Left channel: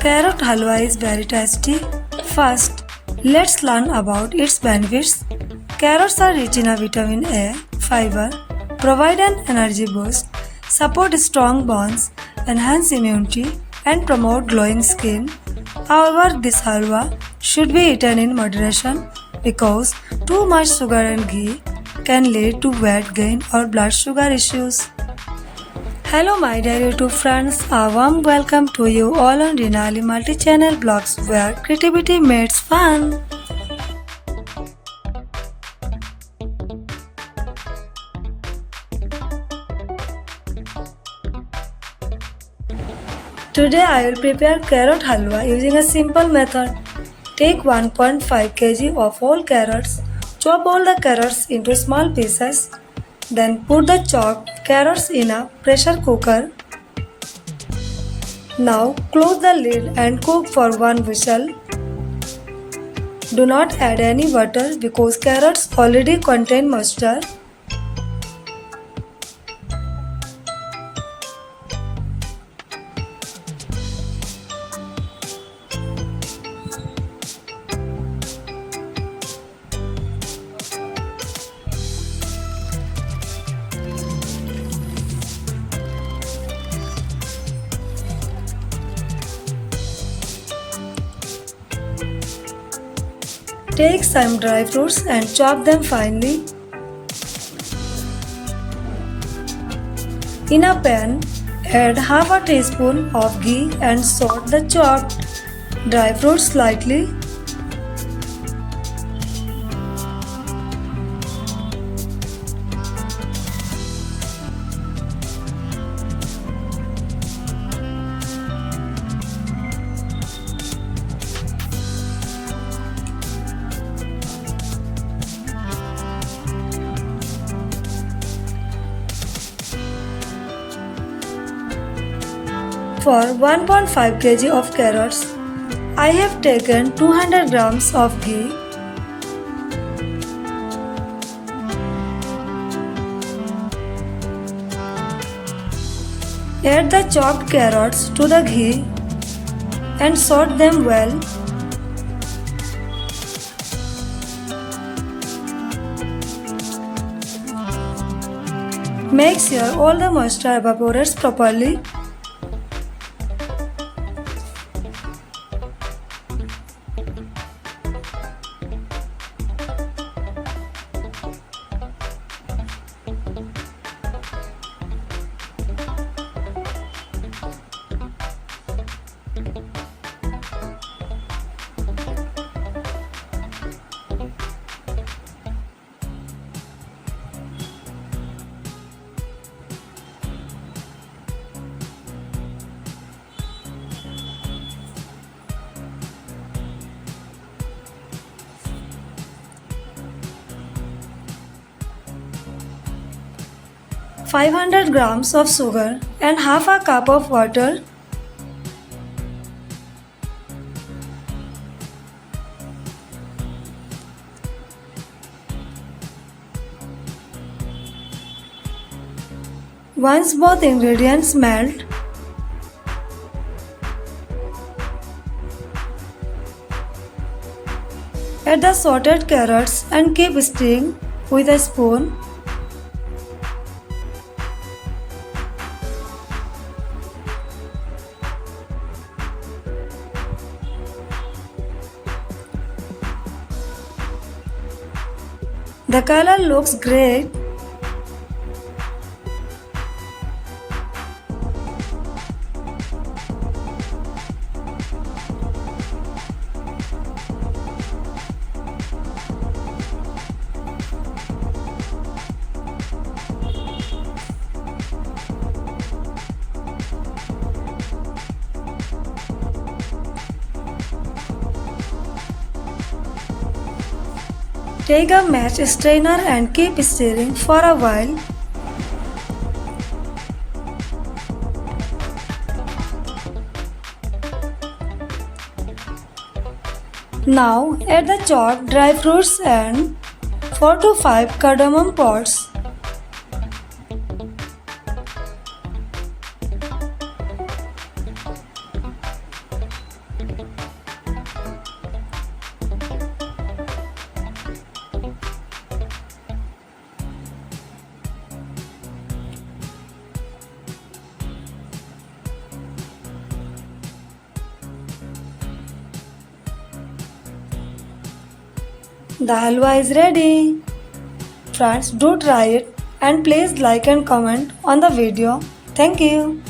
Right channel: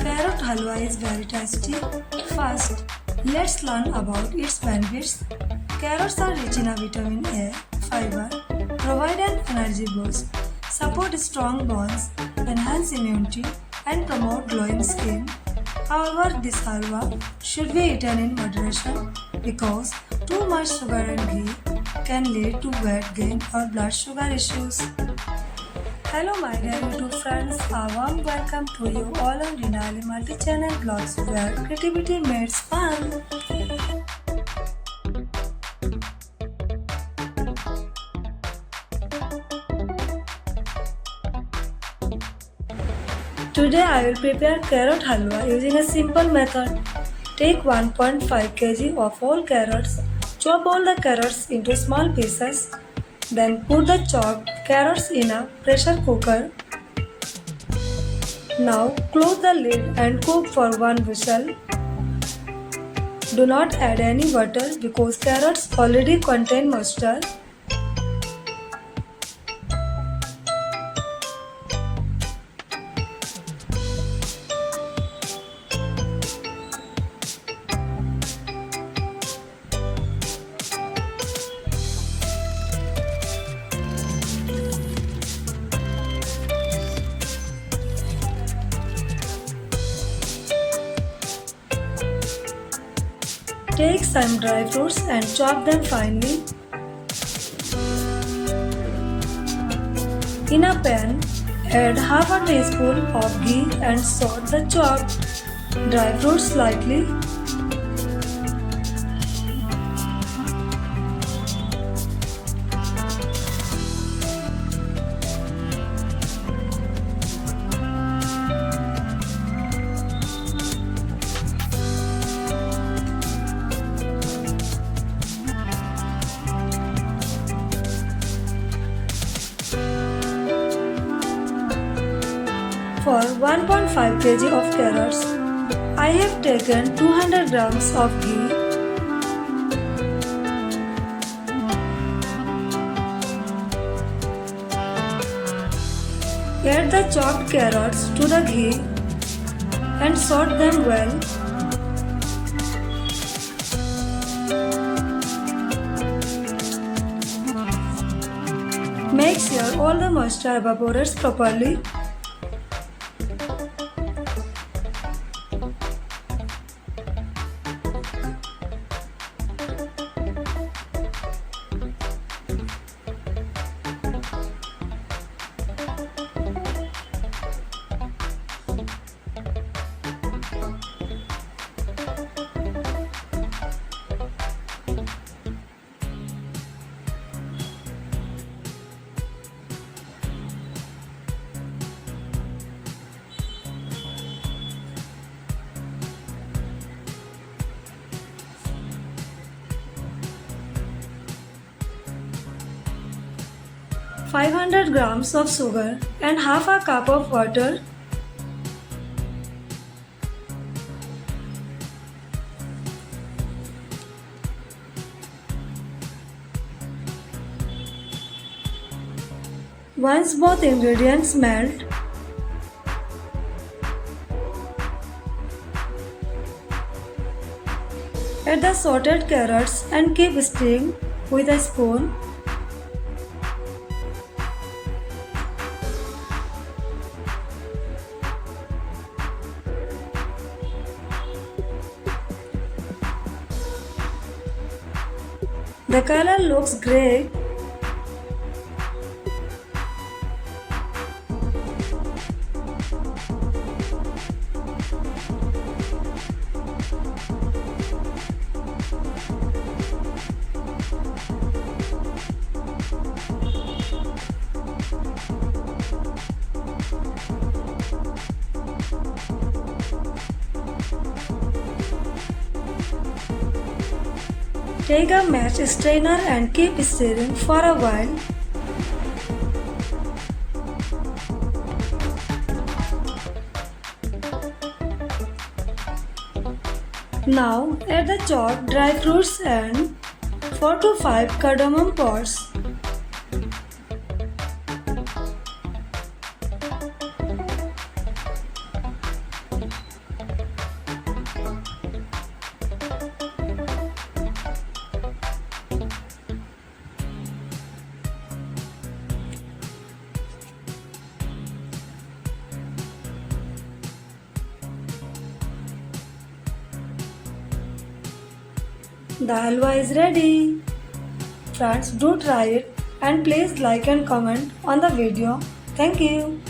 Carrot halwa is very tasty. First, let's learn about its benefits. Carrots are rich in vitamin A, fiber, provide an energy boost, support strong bones, enhance immunity, and promote glowing skin. However, this halwa should be eaten in moderation because too much sugar and ghee can lead to weight gain or blood sugar issues. Hello my dear YouTube friends, a warm welcome to you all on Rinali multi-channel blogs where creativity meets fun. Today I will prepare carrot halwa using a simple method. Take 1.5 kg of whole carrots, chop all the carrots into small pieces, then put the chopped carrots in a pressure cooker. Now close the lid and cook for one whistle. Do not add any water because carrots already contain moisture. Take some dry fruits and chop them finely. In a pan, add half a teaspoon of ghee and saute the chopped dry fruits slightly. For 1.5 kg of carrots, I have taken 200 grams of ghee. Add the chopped carrots to the ghee and saute them well. Make sure all the moisture evaporates properly. Five 500 grams of sugar and half a cup of water. Once both ingredients melt, add the sautéed carrots and keep stirring with a spoon. The color looks great. Take a match strainer and keep stirring for a while. Now add the chopped dry fruits and 4 to 5 cardamom pods. The halwa is ready. Friends, do try it and please like and comment on the video. Thank you.